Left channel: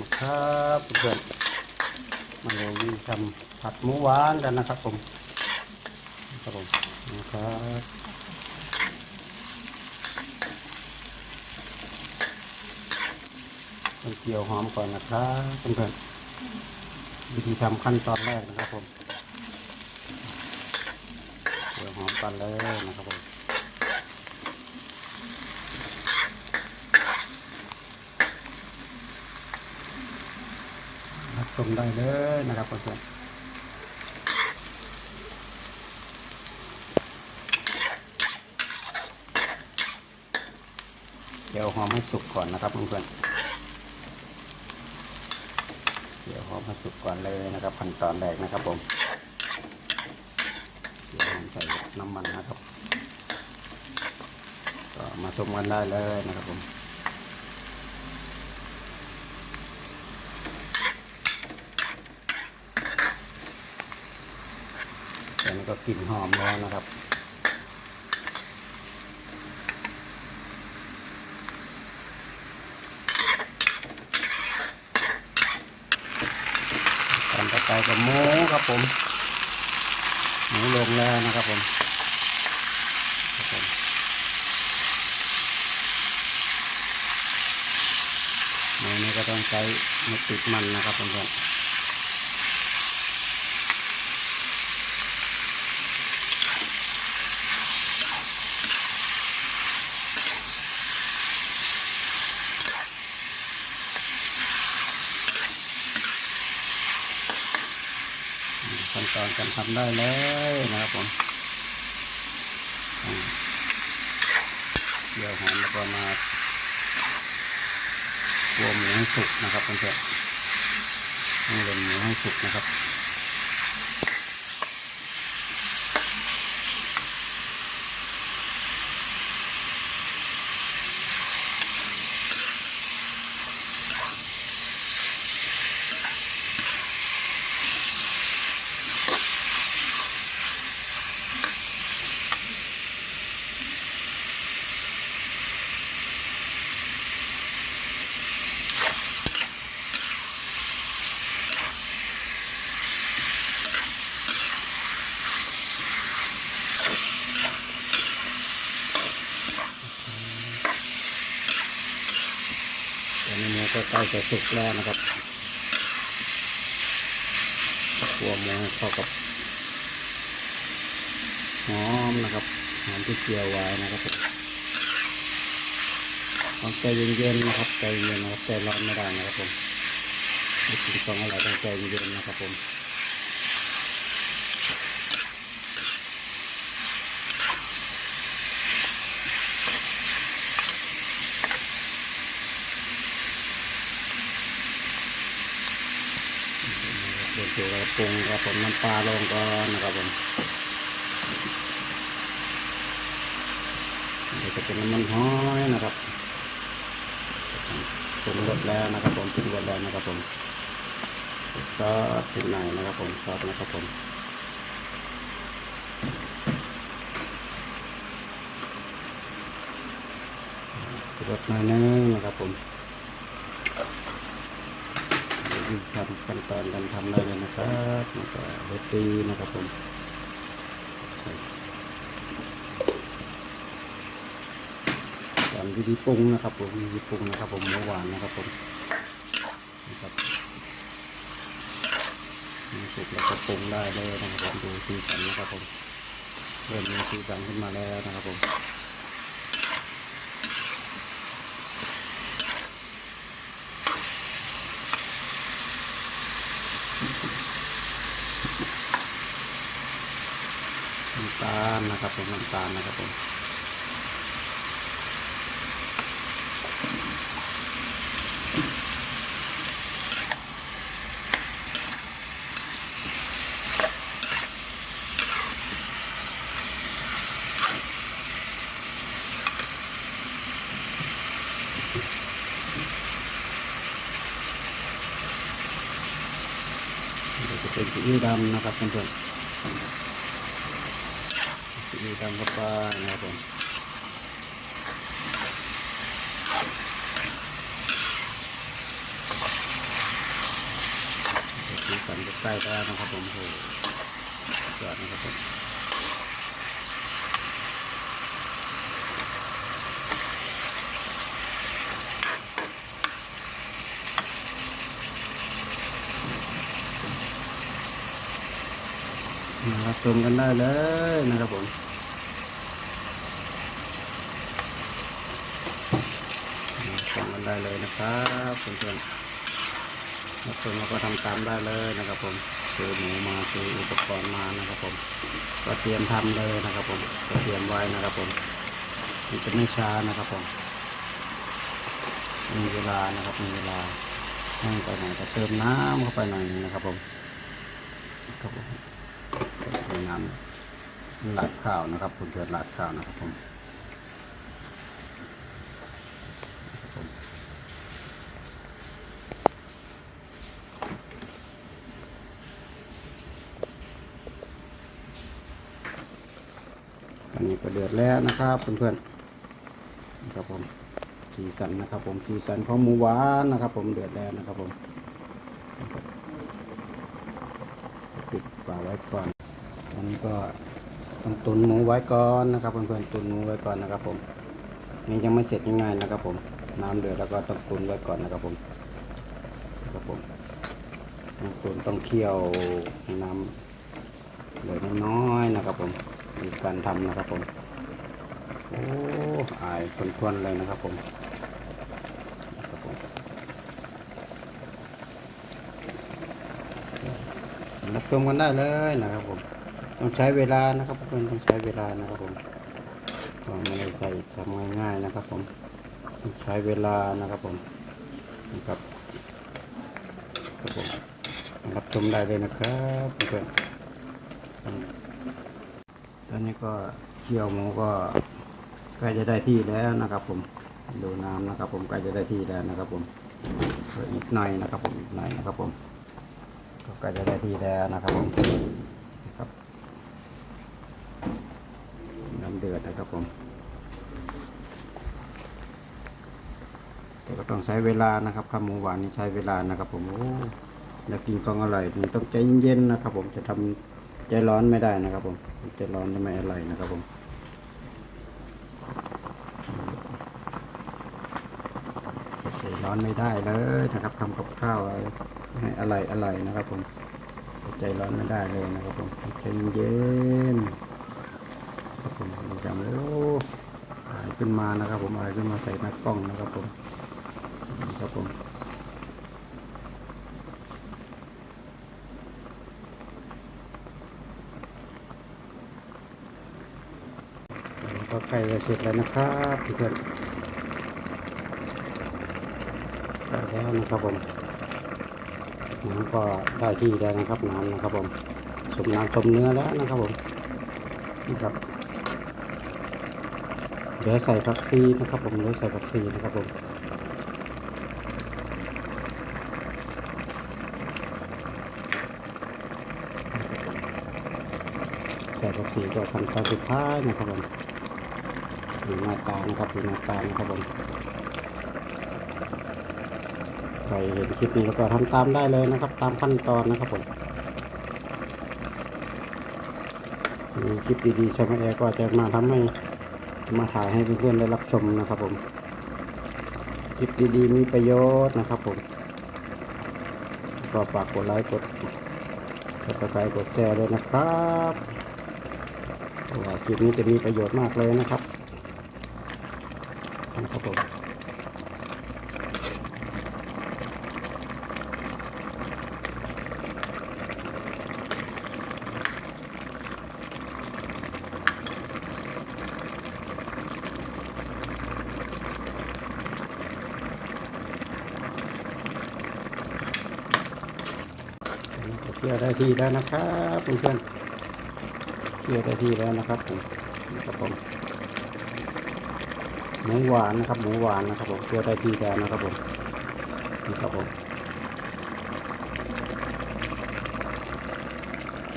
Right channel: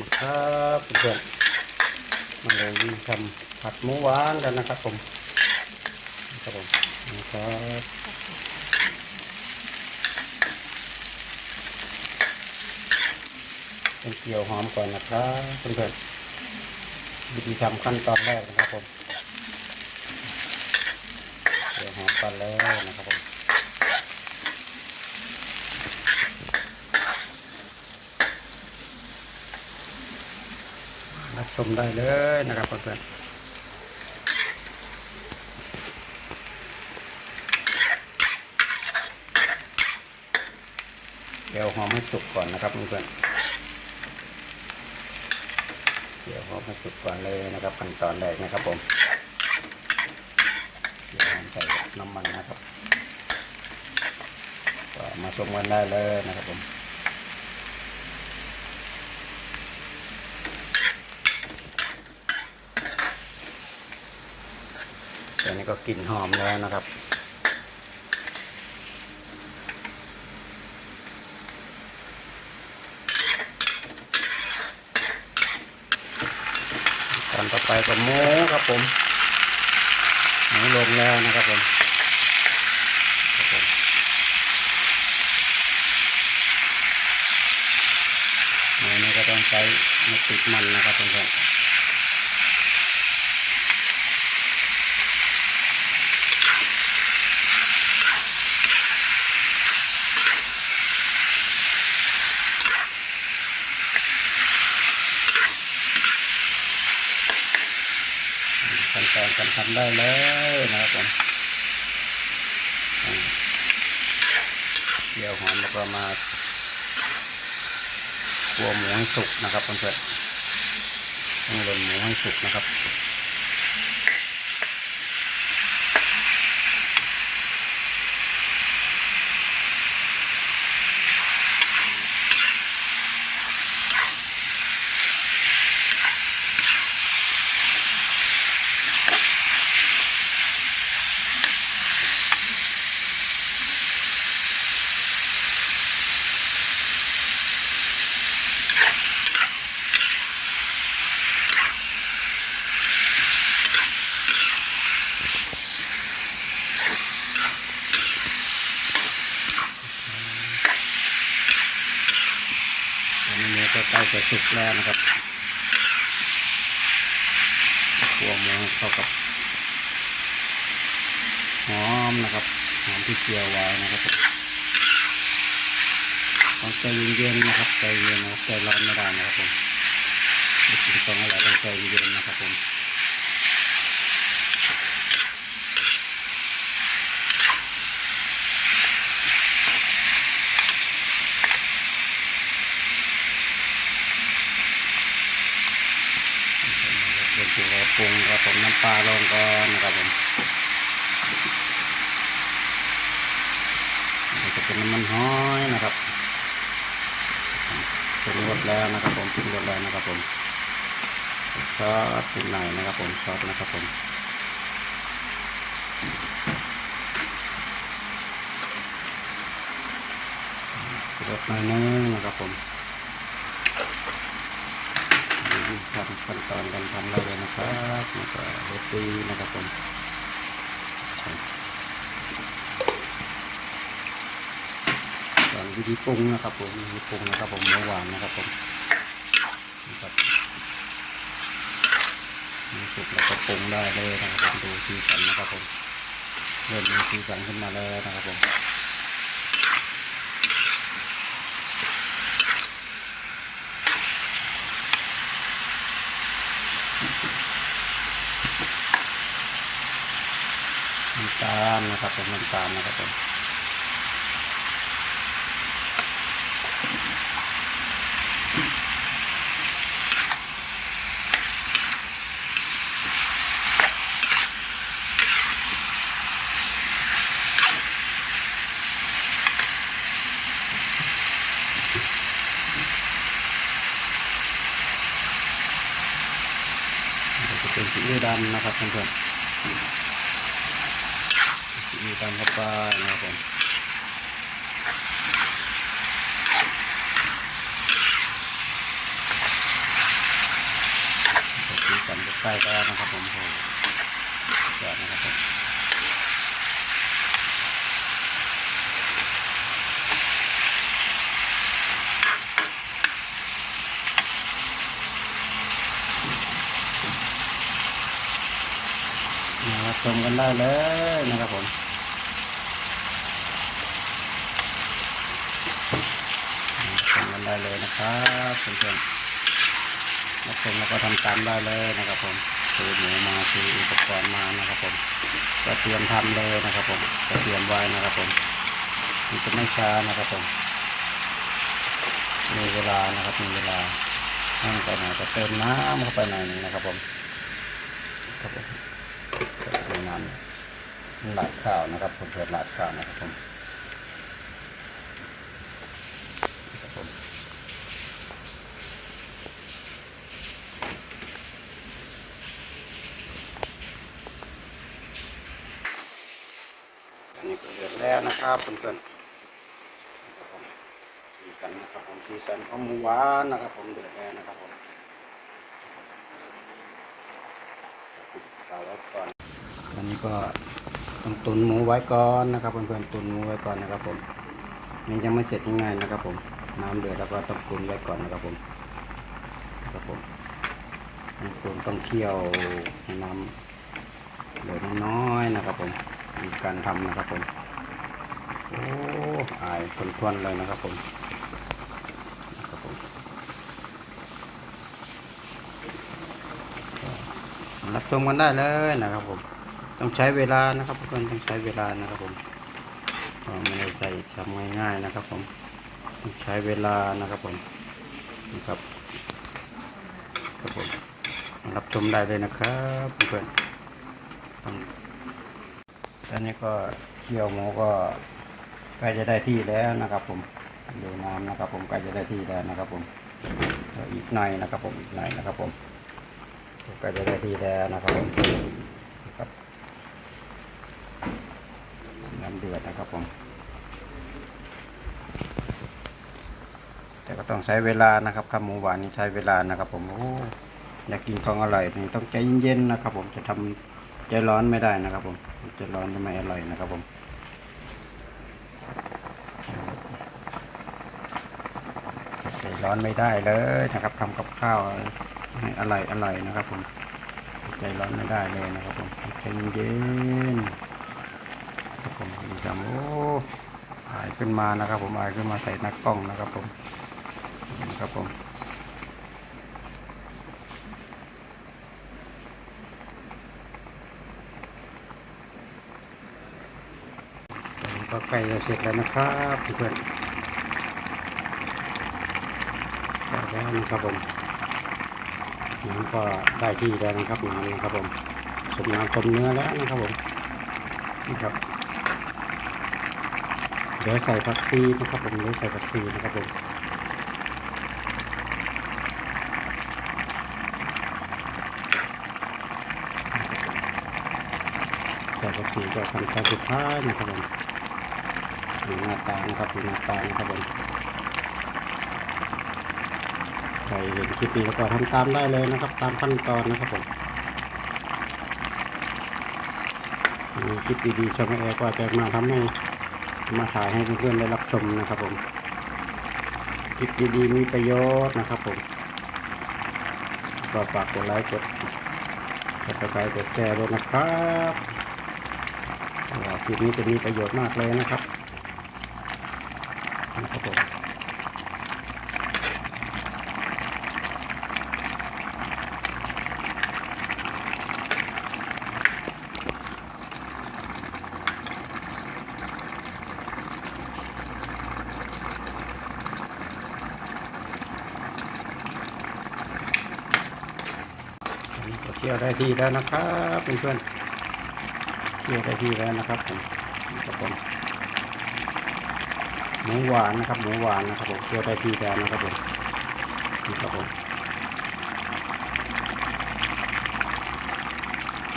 มาครับเพื่อนมาเลยวิ่งทำผัดหมูหวานกันนะครับผมครับผมนะครับเป็นเกี่ยวหอมก่อนนะครับเพื่อนๆวิธีทำขั้นตอนแรกนะครับผมเกี่ยวหอมก่อนเลยนะครับผม ชมได้เลยนะครับเพื่อนเดี๋ยวหอมให้สุกก่อนนะครับเพื่อนเดี๋ยวหอมให้สุกก่อนเลยนะครับขั้นตอนแรกนะครับผมเดี๋ยวหอมใส่น้ำมันนะครับก็มาชมกันได้เลยนะครับผม แต่นี่ก็กลิ่นหอมแล้วนะครับ ตอนต่อไปก็หมูครับผม หมูลงแล้วนะครับผมหมูนี่ก็ต้องใช้ไม่ติดมันนะครับเพื่อน ขั้นตอนการทำได้แล้วนะครับผมเดี๋ยวหอมแล้วก็มาตัวหมูให้สุกนะครับเพื่อนๆต้องลนหมูให้สุกนะครับ จะสุกแล้วนะครับตัวหมูให้เข้ากับหอมนะครับหอมที่เจียวไว้นะครับผมต้องใจเย็นๆนะครับใจเย็นนะครับใจร้อนไม่ได้นะครับผมไม่กินของอะไรต้องใจเย็นๆนะครับผม เดี๋ยวเเราปรุงครับผมน้ำปลาลงก่อนนะครับผมเดี๋ยวจะเป็นน้ำมันห้อยนะครับปรุงรสแล้วนะครับ ผมปรุงรสแล้วนะครับผมซอสปรุงไหนนะครับ ผมซอสนะครับผมรสหน่อยนึงนะครับผม วิธีทำขั้นตอนการทำได้เลยนะครับแล้วก็โรตีนะครับผมตอนวิธีปรุงนะครับผมวิธีปรุงนะครับผมหมูหวานนะครับผมนะครับมีสุกแล้วก็ปรุงได้เลยนะครับผมดูสีสันนะครับผมเริ่มมีสีสันขึ้นมาแล้วนะครับผมำตาลนะครับผมน้ำตาลนะครับผมเดี๋ยวจะเป็นซีดำนะครับเพื่อนๆ ซีอิ๊วดำเข้าไปนะครับผมสีสันใกล้ๆแล้วนะครับผมโอ้โหยอดนะครับผมมาชมกันได้เลยนะครับผมรับชมกัน ได้เลยนะครับเพื่อนๆรับชมแล้วก็ทำตามได้เลยนะครับผมซื้อหมูมาซื้ออุปกรณ์มานะครับผม ก็เตรียมทำเลยนะครับผมก็เตรียมไว้นะครับผมมันจะไม่ช้านะครับผม มีเวลานะครับมีเวลาแห้งไปหน่อยก็เติมน้ำเข้าไปหน่อยนึงนะครับผมครับผมเติมน้ำหลาดข้าวนะครับผมเพื่อหลาดข้าวนะครับผมครับผม อันนี้ก็เดือดแล้วนะครับเพื่อนๆนะครับผมสีสันนะครับ ผมสีสันของหมูหวานนะครับ ผมเดือดแล้วนะครับผมนะครับปิดฝาไว้ก่อนอันนี้ก็ต้องตุนหมูไว้ก่อนนะครับเพื่อนๆตุนหมูไว้ก่อนนะครับ ผมนี่ยังไม่เสร็จง่ายๆนะครับ ผมน้ำเดือดแล้วก็ต้องตุนไว้ก่อนนะครับผมนะครับผมต้องตุนต้องเคี่ยวให้น้ำเหลือดน้อยๆนะครับผม การทำนะครับผมโอ้อายทวนๆเลยนะครับผมนะครับผมรับชมกันได้เลยนะครับผมต้องใช้เวลานะครับเพื่อนต้องใช้เวลานะครับผมไม่ได้ใจทำง่ายๆนะครับผมต้องใช้เวลานะครับผมนะครับครับผมรับชมได้เลยนะครับเพื่อน ตอนนี้ก็เคี่ยวหมูก็ใกล้จะได้ที่แล้วนะครับ ผมดูน้ำนะครับ ผมใกล้จะได้ที่แล้วนะครับ ผมอีกหน่อยนะครับ ผมอีกหน่อยนะครับ ผมก็ใกล้จะได้ที่แล้วนะครับ ผมครับน้ำเดือดนะครับผม แต่ก็ต้องใช้เวลานะครับข้าวหมูหวานนี่ใช้เวลานะครับ ผมโอ้อยากกินของอร่อยนี่ต้องใจเย็นๆนะครับ ผมจะทำ ใจร้อนไม่ได้นะครับผมใจร้อนจะไม่อร่อยนะครับผมใจร้อนไม่ได้เลยนะครับทำกับข้าวให้อร่อยอร่อยนะครับผมใจร้อนไม่ได้เลยนะครับผมใจเย็นครับผมจำโอ้อายขึ้นมานะครับ ผมอายขึ้นมาใส่หนักกล้องนะครับผมนะครับผม ก็ใกล้จะเสร็จแล้วนะครับเพื่อนใกล้แล้วนะครับผมน้ำก็ได้ที่แล้วนะครับน้ำนะครับผมสมน้ำสมเนื้อแล้วนะครับผมนี่ครับเดี๋ยวใส่ผักชีนะครับผมเดี๋ยวใส่ผักชีนะครับผมใส่ผักชีก็ขั้นตอนสุดท้ายนะครับผม ดูหน้าตานะครับดูหน้าตานะครับผมใครเห็นคลิปนี้แล้วก็ทำตามได้เลยนะครับ ตามขั้นตอนนะครับผมมีคลิปดีๆชมแอร์ก็จะมาทำให้มาถ่ายให้เพื่อนๆได้รับชมนะครับผมคลิปดีๆมีประโยชน์นะครับผมก็ฝากกดไลค์กดกดติดตามกดแชร์ด้วยนะครับคลิปนี้จะมีประโยชน์มากเลยนะครับ นะครับผมอันนี้ก็เที่ยวได้ที่แล้วนะครับเพื่อนๆเที่ยวได้ที่แล้วนะครับผมนะครับผม หมูหวานนะครับ หมูหวานนะครับผมเพื่อได้ที่แล้วนะครับผมนี่ครับผม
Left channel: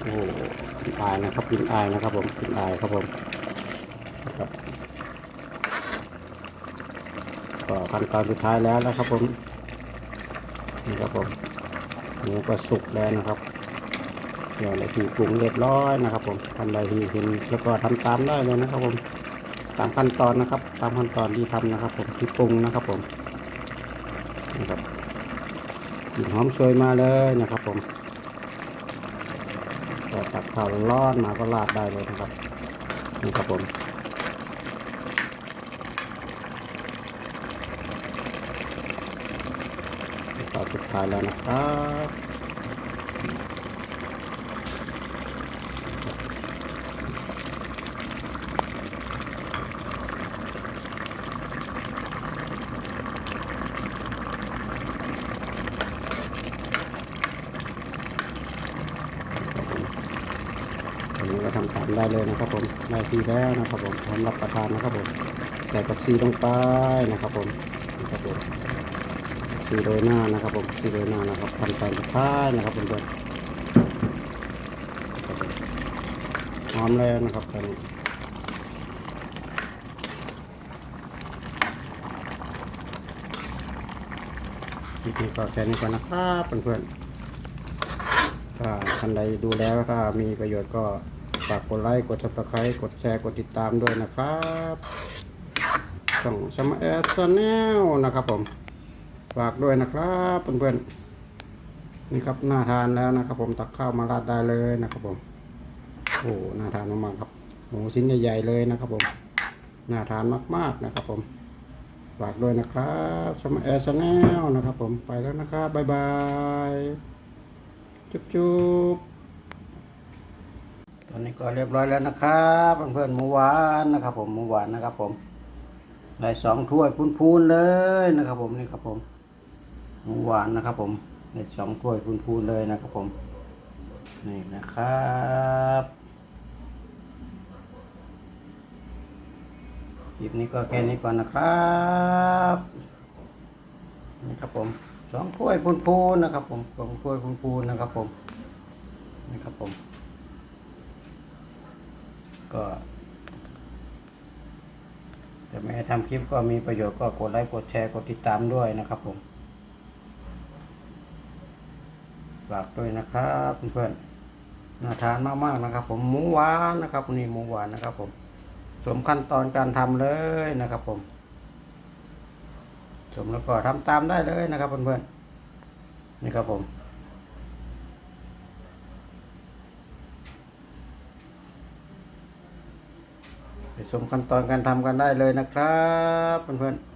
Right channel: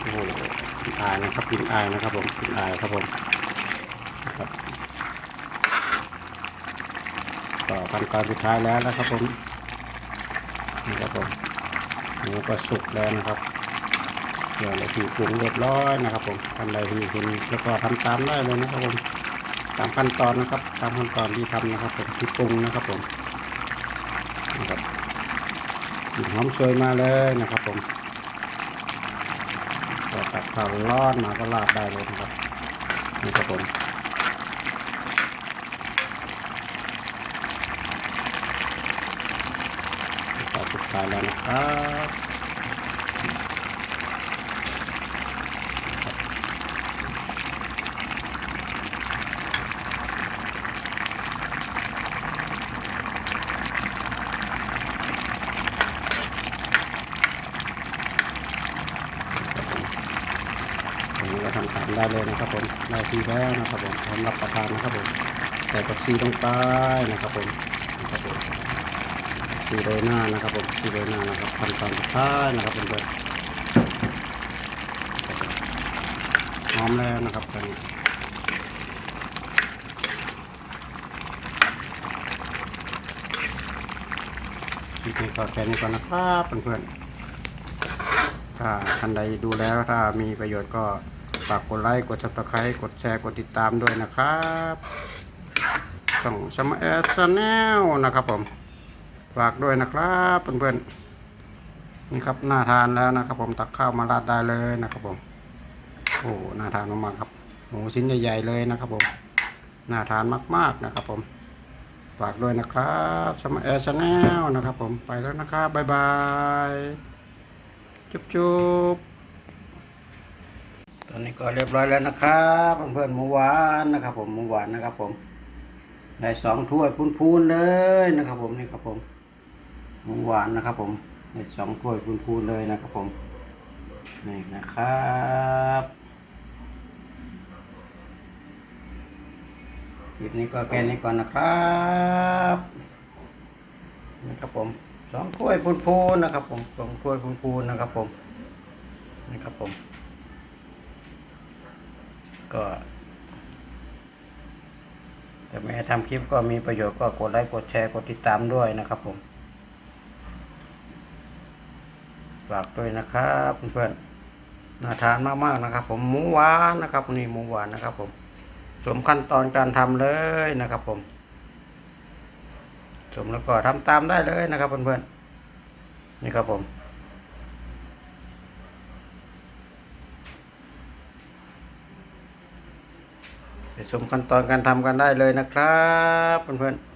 โอ้โหกินอายนะครับกินอายนะครับผมกินอายครับผมครับก็ขั้นตอนสุดท้ายแล้วนะครับผมนี่ครับผมหมูก็สุกแล้วนะครับเดี๋ยวเราที่ปรุงเรียบร้อยนะครับผมท่านใดที่เห็นแล้วก็ทำตามได้เลยนะครับผม ตามขั้นตอนนะครับ ตามขั้นตอนที่ทำนะครับผมที่ปรุงนะครับผมนะครับกลิ่นหอมโชยมาเลยนะครับผมก็ตักข้าวร้อนมาก็ราดได้เลยนะครับนี่ครับผมตอนสุดท้ายแล้วนะครับอันนี้ก็ทำตาม ได้เลยนะครับผมได้ทีแล้วนะครับผมพร้อมรับประทานนะครับผมใส่กับซีลงไปนะครับผมนะครับผมสีโรยหน้านะครับผมสีโรยหน้านะครับขั้นตอนสุดท้ายนะครับเพื่อนๆครับผมหอมแล้วนะครับตอนนี้คลิปนี้ก็แค่นี้ก่อนนะครับเพื่อนๆถ้าท่านใดดูแล้วถ้ามีประโยชน์ก็ ฝากกดไลค์กด subscribe กดแชร์กดติดตามด้วยนะครับช่องสมาร์ทแนลนะครับผม ฝากด้วยนะครับเพื่อนๆนี่ครับน่าทานแล้วนะครับ ผมตักข้าวมาราดได้เลยนะครับผมโอ้น่าทานมากๆครับหมูชิ้นใหญ่ๆเลยนะครับผมน่าทานมากๆนะครับผมฝากด้วยนะครับสมาร์ทแนลนะครับ ผมไปแล้วนะครับบ๊ายบายจุ๊บๆ อนนี้ก็เรียบร้อยแล้วนะครับเพื่อนๆหมูหวานนะครับ ผมหมูหวานนะครับ ผมได้สองถ้วยพูนๆเลยนะครับ ผมนี่ครับผมหมูหวานนะครับ ผมได้สองถ้วยพูนๆเลยนะครับ ผมนี่นะครับคลิปนี้ก็แค่นี้ก่อนนะครับนี่ครับผมสองถ้วยพูนๆนะครับ ผมสองถ้วยพูนๆนะครับ ผมนี่ครับผม ก็แต่แม่ทำคลิปก็มีประโยชน์ก็กดไลค์กดแชร์กดติดตามด้วยนะครับผมฝากด้วยนะครับเพื่อนๆน่าทานมากๆนะครับ ผมหมูหวานนะครับนี่หมูหวานนะครับ ผมสมขั้นตอนการทำเลยนะครับ ผมสมแล้วก็ทำตามได้เลยนะครับเพื่อนๆนี่ครับผม ชมขั้นตอนการทำกันได้เลยนะครับเพื่อนๆ